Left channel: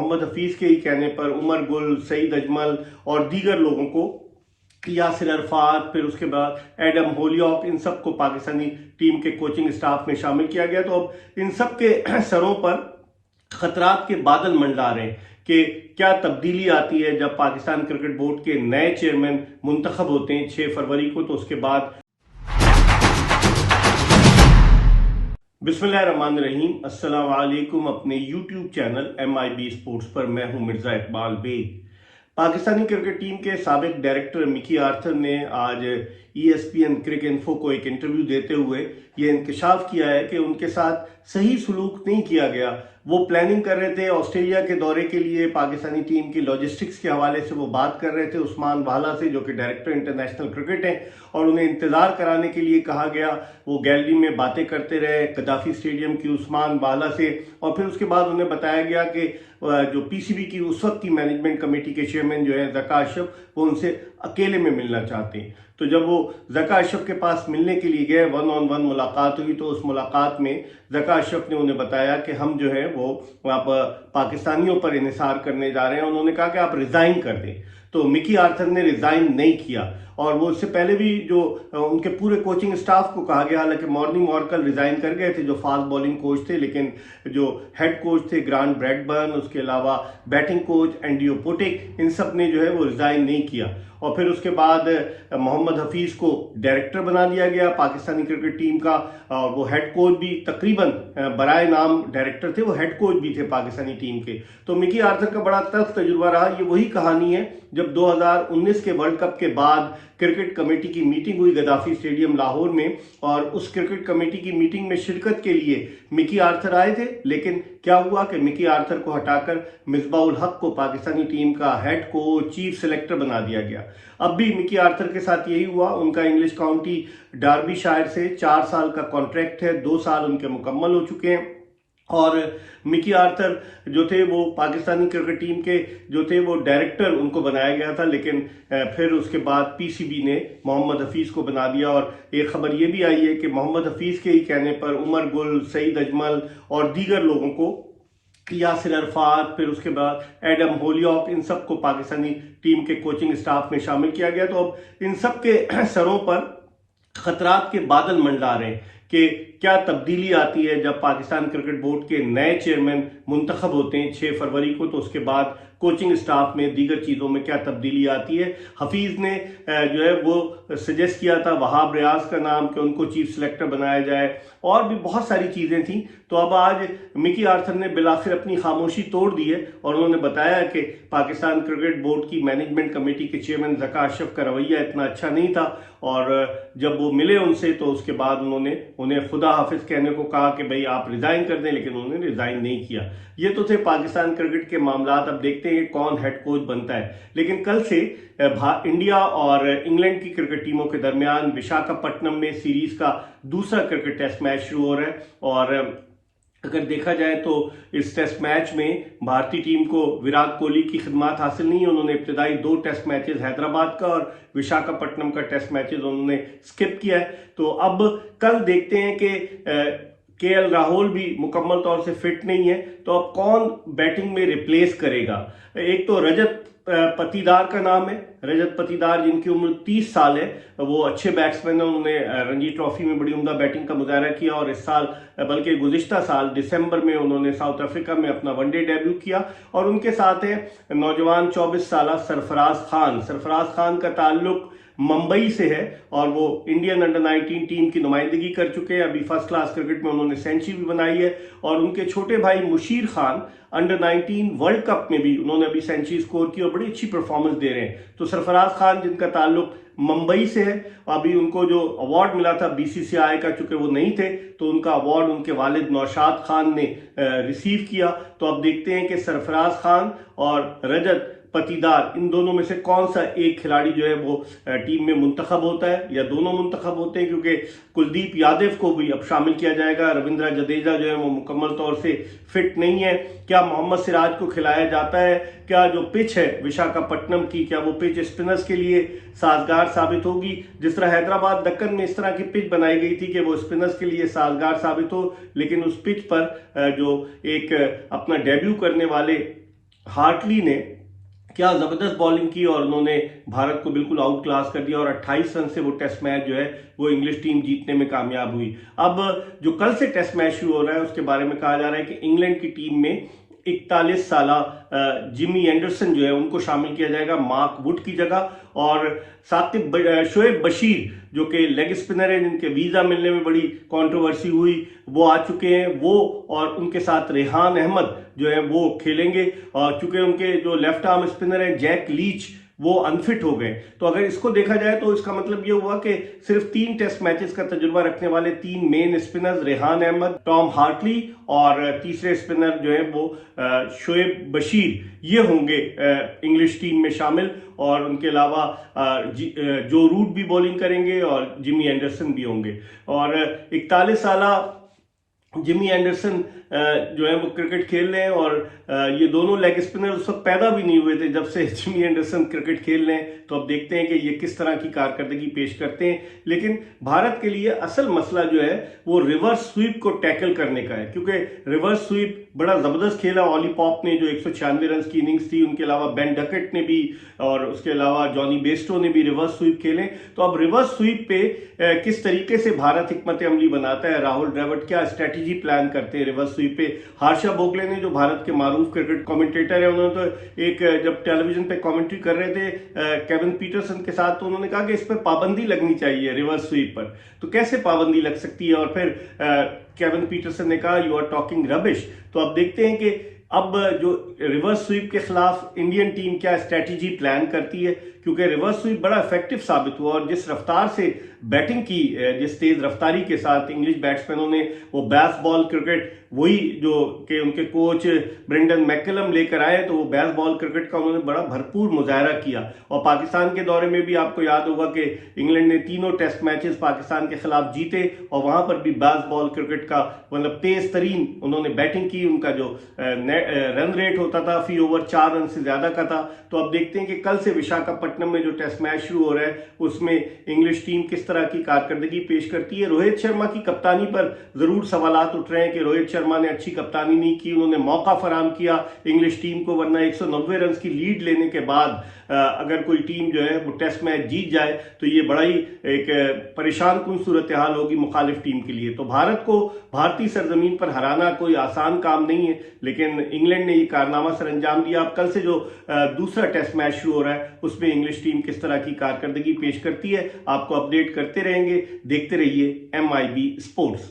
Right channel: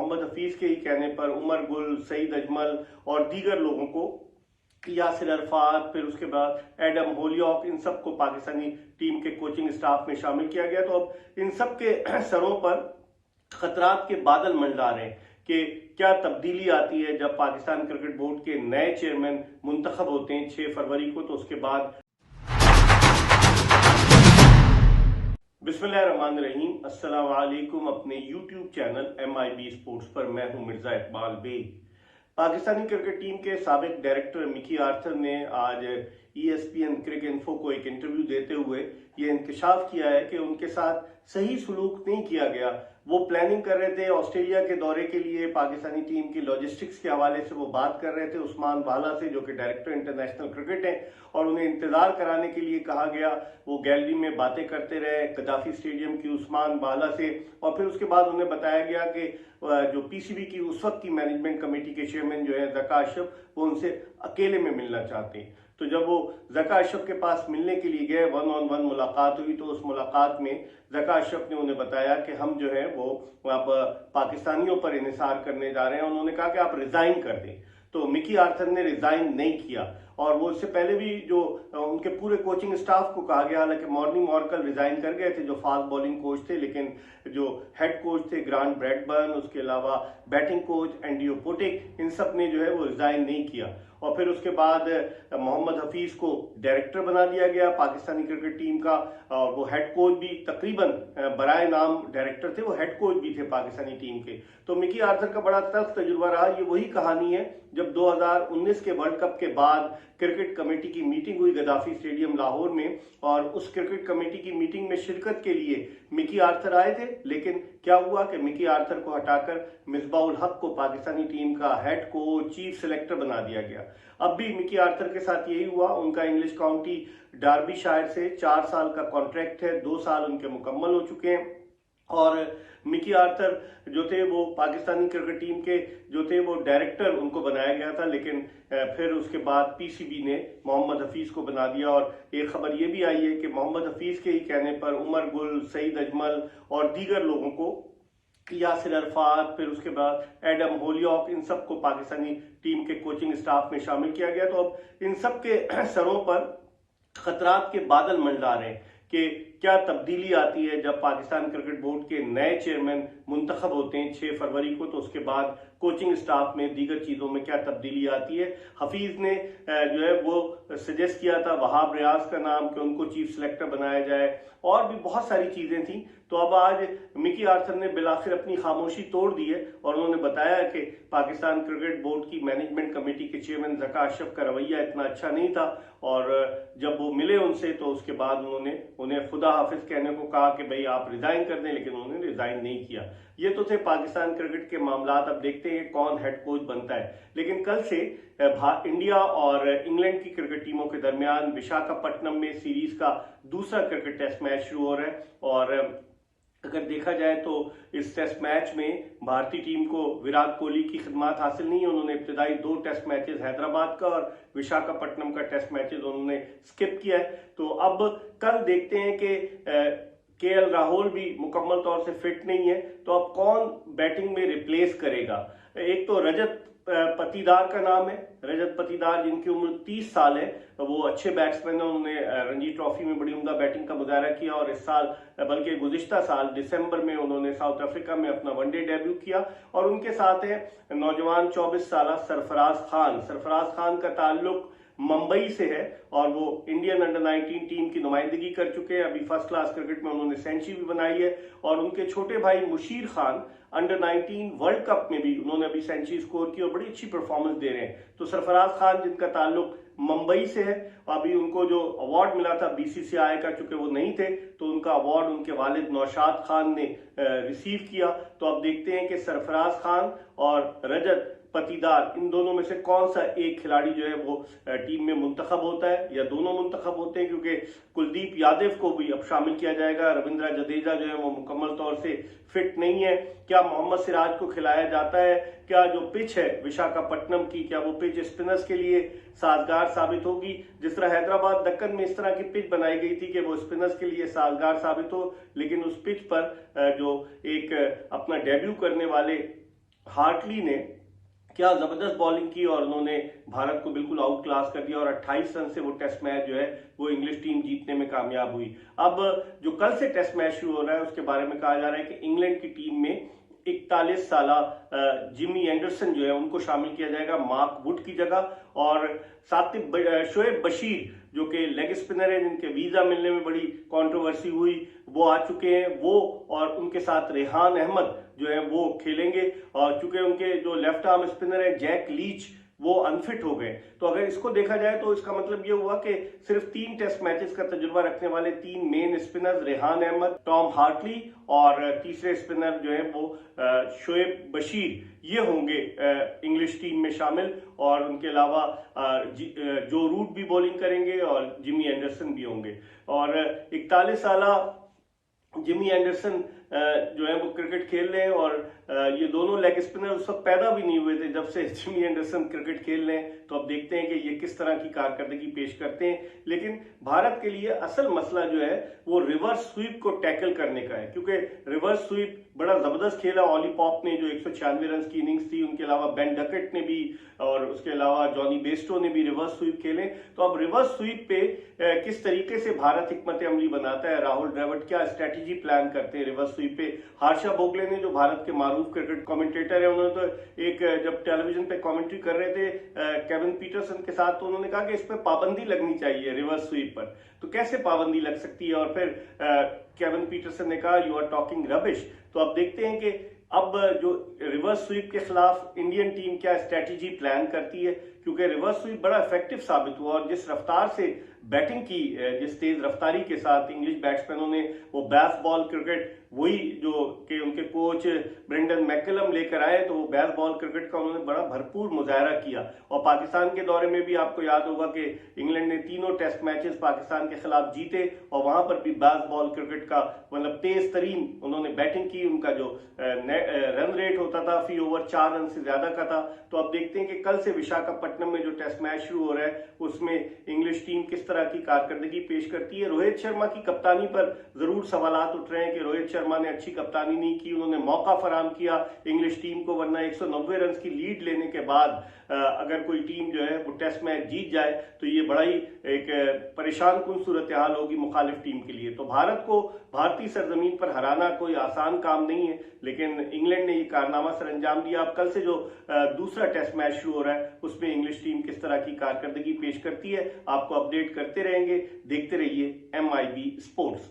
मोहम्मद हफीज के ही कहने पर उमर गुल, सईद अजमल और दीगर लोगों को, यासिर अरफात, फिर उसके बाद एडम होलियॉक, इन सब को पाकिस्तानी टीम के कोचिंग स्टाफ में शामिल किया गया। तो अब इन सब के सरों पर खतरात के बादल मंडरा रहे हैं कि क्या तब्दीली आती है जब पाकिस्तान क्रिकेट बोर्ड के नए चेयरमैन मुंतखब होते हैं 6 फरवरी को। तो उसके बाद बिस्मिल्लाहिर्रहमानिर्रहीम, अस्सलाम वालेकुम। अपने यूट्यूब चैनल MIB स्पोर्ट्स पर मैं हूं मिर्जा इकबाल बेग। पाकिस्तानी क्रिकेट टीम के साबिक डायरेक्टर मिकी आर्थर ने आज ESPN क्रिक इन्फो को एक इंटरव्यू देते हुए ये इंकशाफ किया है कि उनके साथ सही सलूक नहीं किया गया। वो प्लानिंग कर रहे थे ऑस्ट्रेलिया के दौरे के लिए, पाकिस्तानी टीम की लॉजिस्टिक्स के हवाले से वो बात कर रहे थे उस्मान वाला से, जो कि डायरेक्टर इंटरनेशनल क्रिकेट हैं, और उन्हें इंतज़ार कराने के लिए कहा गया। वो गैलरी में बातें करते रहे गद्दाफी स्टेडियम की उस्मान वाला से, और फिर उसके बाद उन्हें बताया गया कि जो PCB की उस वक्त की मैनेजमेंट कमेटी के चेयरमैन जो है ज़का अशरफ, वो उनसे अकेले में मिलना चाहते हैं। तो जब वो ज़का अशरफ के पास मिलने के लिए गए, 1-on-1 मुलाकात हुई, तो उस मुलाकात में ज़का अशरफ ने उन्हें बताया कि हम जो है वो वहाँ पर पाकिस्तानियों पर इन्हिसार करने जा रहे हैं। उन्होंने कहा कि आप रिज़ाइन कर दें। तो मिकी आर्थर ने रिज़ाइन नहीं किया, और वो इससे पहले भी जो उनके पूरे कोचिंग स्टाफ को कहा गया, हालांकि मॉर्निंग मॉर्कल रिज़ाइन कर गए थे जो फास्ट बॉलिंग कोच थे, लेकिन जो हेड कोच थे ग्रांट ब्रैडबर्न, उसके अलावा बैटिंग कोच एंडियो पोटिक, इन सब ने जो है वो रिज़ाइन नहीं किया। और फिर उसके बाद मोहम्मद हफीज़ को डायरेक्टर बना दिया गया पाकिस्तानी क्रिकेट टीम का, और वो हेड कोच भी तकरीबन बराए नाम डायरेक्टर थे, वो हेड कोच भी थे पाकिस्तानी टीम के। तो मिकी आर्थर का बड़ा तल्ख तजुर्बा रहा। ये वही कहानी है जब 2019 के वर्ल्ड कप के बाद क्रिकेट कमेटी की मीटिंग हुई गद्दाफी स्टेडियम लाहौर में, और उस क्रिकेट कमेटी की मीटिंग में शिरकत के लिए मिकी आर्थर आए थे, लेकिन क्या हुआ कि मिकी आर्थर को हटाकर मिसबाह उल हक को पाकिस्तानी टीम का हेड कोच, चीफ सिलेक्टर बना दिया गया। अब भी मिकी आर्थर के साथ यही हुआ। उनका इंग्लिश काउंटी डार्बीशायर से 4 साल का कॉन्ट्रैक्ट है, 2 साल उनके मुकम्मल हो चुके हैं, और मिकी आर्थर जो थे वो पाकिस्तानी क्रिकेट टीम के जो थे वो डायरेक्टर उनको बनाया गया था, लेकिन फिर उसके बाद PCB ने मोहम्मद हफीज़ को बना दिया। और एक खबर ये भी आई है कि मोहम्मद हफीज़ के ही कहने पर उमर गुल, सईद अजमल और दीगर लोगों को, यासिर अरफात, फिर उसके बाद एडम होलियॉक, इन सब को पाकिस्तानी टीम के कोचिंग स्टाफ में शामिल किया गया। तो अब इन सब के सरों पर खतरात के बादल मंडरा रहे हैं कि क्या तब्दीली आती है जब पाकिस्तान क्रिकेट बोर्ड के नए चेयरमैन मुंतखब होते हैं 6 फरवरी को। तो उसके बाद कोचिंग स्टाफ में, दीगर चीज़ों में क्या तब्दीली आती है। हफीज़ ने जो है वो सजेस्ट किया था वहाब रियाज का नाम कि उनको चीफ सिलेक्टर बनाया जाए, और भी बहुत सारी चीज़ें थी। तो अब आज मिकी आर्थर ने बिलाखिर अपनी खामोशी तोड़ दी है, और उन्होंने बताया कि पाकिस्तान क्रिकेट बोर्ड की मैनेजमेंट कमेटी के चेयरमैन ज़का अशरफ का रवैया इतना अच्छा नहीं था, और जब वो मिले उनसे तो उसके बाद उन्होंने उन्हें खुदा हाफिज कहने को कहा कि भाई आप रिज़ाइन कर दें, लेकिन उन्होंने रिज़ाइन नहीं किया। ये तो थे पाकिस्तान क्रिकेट के मामलात। अब देखते हैं कौन हेड कोच बनता है। लेकिन कल से इंडिया और इंग्लैंड की क्रिकेट टीमों के दरमियान विशाखापट्टनम में सीरीज का दूसरा क्रिकेट टेस्ट मैच शुरू हो रहा है, और अगर देखा जाए तो इस टेस्ट मैच में भारतीय टीम को विराट कोहली की खिदमात हासिल नहीं है। उन्होंने इब्तदाई 2 टेस्ट मैचेस हैदराबाद का और विशाखापट्टनम का टेस्ट मैचेस उन्होंने स्किप किया है। तो अब कल देखते हैं कि KL राहुल भी मुकम्मल तौर से फिट नहीं है, तो अब कौन बैटिंग में रिप्लेस करेगा। एक तो रजत पटीदार का नाम है, रजत पटीदार जिनकी उम्र 30 साल है, वो अच्छे बैट्समैन हैं। उन्होंने रणजी ट्रॉफी में बड़ी उम्दा बैटिंग का मुजाहरा किया, और इस साल बल्कि गुज़िश्ता साल दिसंबर में उन्होंने साउथ अफ्रीका में अपना वनडे डेब्यू किया। और उनके साथ है नौजवान 24 साल सरफराज खान। सरफराज खान का ताल्लुक मुंबई से है, और वो इंडियन अंडर 19 टीम की नुमाइंदगी कर चुके हैं। अभी फर्स्ट क्लास क्रिकेट में उन्होंने सेंचुरी भी बनाई है, और उनके छोटे भाई Musheer Khan under 19 world cup में भी उन्होंने अभी सेंचुरी स्कोर की और बड़ी अच्छी परफॉर्मेंस दे रहे हैं। तो सरफराज खान जिनका ताल्लुक मुंबई से है, अभी उनको जो अवार्ड मिला था BCCI का, चूंकि वो नहीं थे तो उनका अवार्ड उनके वालिद नौशाद खान ने रिसीव किया। तो अब देखते हैं कि सरफराज खान और रजत पटीदार, इन दोनों में से कौन सा एक खिलाड़ी जो है वो टीम में मुंतखब होता है, या दोनों मुंतखब होते हैं, क्योंकि कुलदीप यादव को भी अब शामिल किया जाएगा। रविंद्र जडेजा जो है वो मुकम्मल तौर से फिट नहीं है। क्या मोहम्मद सिराज को खिलाया जाता है? क्या जो पिच है विशाखापट्टनम की, क्या वो पिच स्पिनर्स के लिए साजगार साबित होगी? जिस तरह हैदराबाद दक्कन में इस तरह की पिच बनाई गई थी कि वो स्पिनर्स के लिए साजगार साबित हो, लेकिन उस पिच पर जो एक अपना डेब्यू करने वाले हार्टली ने क्या जबरदस्त बॉलिंग की और उन्होंने भारत को बिल्कुल आउट क्लास कर दिया और 28 रन से वो टेस्ट मैच जो है वो इंग्लिश टीम जीतने में कामयाब हुई। अब जो कल से टेस्ट मैच शुरू हो रहा है उसके बारे में कहा जा रहा है कि इंग्लैंड की टीम में 41 साला जिमी एंडरसन जो है उनको शामिल किया जाएगा मार्क वुड की जगह, और साथ ही शोएब बशीर जो कि लेग स्पिनर है जिनके वीजा मिलने में बड़ी कंट्रोवर्सी हुई वो आ चुके हैं, वो और उनके साथ रेहान अहमद जो है वो खेलेंगे। और चूंकि उनके जो लेफ्ट आर्म स्पिनर है जैक लीच वो अनफिट हो गए, तो अगर इसको देखा जाए तो इसका मतलब ये हुआ कि सिर्फ 3 टेस्ट मैचेस का तजुर्बा रखने वाले 3 main spinners Rehan Ahmed, Tom Hartley और तीसरे स्पिनर जो है वो शोएब बशीर ये होंगे इंग्लिश टीम में शामिल। और उनके अलावा जो रूट भी बॉलिंग करेंगे और जिमी एंडरसन भी होंगे। और 41 साला जिमी एंडरसन जो है वो क्रिकेट खेल रहे हैं और ये दोनों लेग स्पिनर उस वक्त पैदा भी नहीं हुए थे जब से जिमी एंडरसन क्रिकेट खेल रहे हैं, तो अब देखते हैं कि ये किस तरह की कारकर्दगी पेश करते हैं। लेकिन भारत के लिए असल मसला जो है वो रिवर्स स्वीप को टैकल करने का है, क्योंकि रिवर्स स्वीप बड़ा जबरदस्त खेला ऑली पॉप ने जो 196 रन की इनिंग्स थी, उनके अलावा बेन डकेट ने भी और उसके अलावा जॉनी बेस्टो ने भी रिवर्स स्वीप खेले। तो अब रिवर्स स्वीप पे किस तरीके से भारत हिकमत अमली बनाता है, राहुल द्रविड़ क्या स्ट्रेटेजी प्लान करते हैं रिवर्स स्वीप पे। हर्षा भोगले ने जो भारत के मारूफ क्रिकेट कमेंटेटर है उन्होंने तो एक जब टेलीविजन पे कमेंट्री कर रहे थे केविन पीटरसन के साथ, तो उन्होंने कहा कि इस पर पाबंदी लगनी चाहिए रिवर्स स्वीप पर। तो कैसे पाबंदी लग सकती है, और फिर केविन पीटरसन ने कहा यू आर टॉकिंग रबिश। तो अब देखते हैं कि अब जो रिवर्स स्वीप के खिलाफ इंडियन टीम क्या स्ट्रेटेजी प्लान करती है, क्योंकि रिवर्स स्वीप बड़ा इफेक्टिव साबित हुआ और जिस रफ्तार से बैटिंग की, जिस तेज रफ्तारी के साथ इंग्लिश बैट्समैनों ने वो बैस बॉल क्रिकेट वही जो कि उनके कोच ब्रेंडन मैकलम लेकर आए, तो वो बैस बॉल क्रिकेट का उन्होंने बड़ा भरपूर मुजाहरा किया। और पाकिस्तान के दौरे में भी आपको याद होगा कि इंग्लैंड ने तीनों टेस्ट मैचेस पाकिस्तान के खिलाफ जीते और वहां पर भी बैस बॉल क्रिकेट का मतलब तेज तरीन उन्होंने बैटिंग की, उनका जो रन रेट होता था फी ओवर 4 रन से ज्यादा का था। तो अब देखते हैं कि कल से विशाखापट्टनम में जो टेस्ट मैच शुरू हो रहा है उसमें इंग्लिश टीम किस तरह की कारकर्दगी पेश करती है। रोहित शर्मा की कप्तानी पर जरूर सवालात उठ रहे हैं कि रोहित शर्मा ने अच्छी कप्तानी नहीं की, उन्होंने मौका फराहम किया इंग्लिश टीम को, वरना 190 रन की लीड लेने के बाद अगर कोई टीम जो है वो टेस्ट मैच जीत जाए तो ये बड़ा ही एक परेशान कुन सूरत हाल होगी मुखालिफ टीम के लिए। तो भारत को भारतीय सरजमीन पर हराना कोई आसान काम नहीं है, लेकिन इंग्लैंड ने ये कारनामा सर अंजाम दिया। अब कल से जो दूसरा टेस्ट मैच शुरू हो रहा है उसमें इंग्लिश टीम किस तरह की कारकर्दगी पेश करती है आपको अपडेट करते रहेंगे। देखते रहिए MIB स्पोर्ट्स।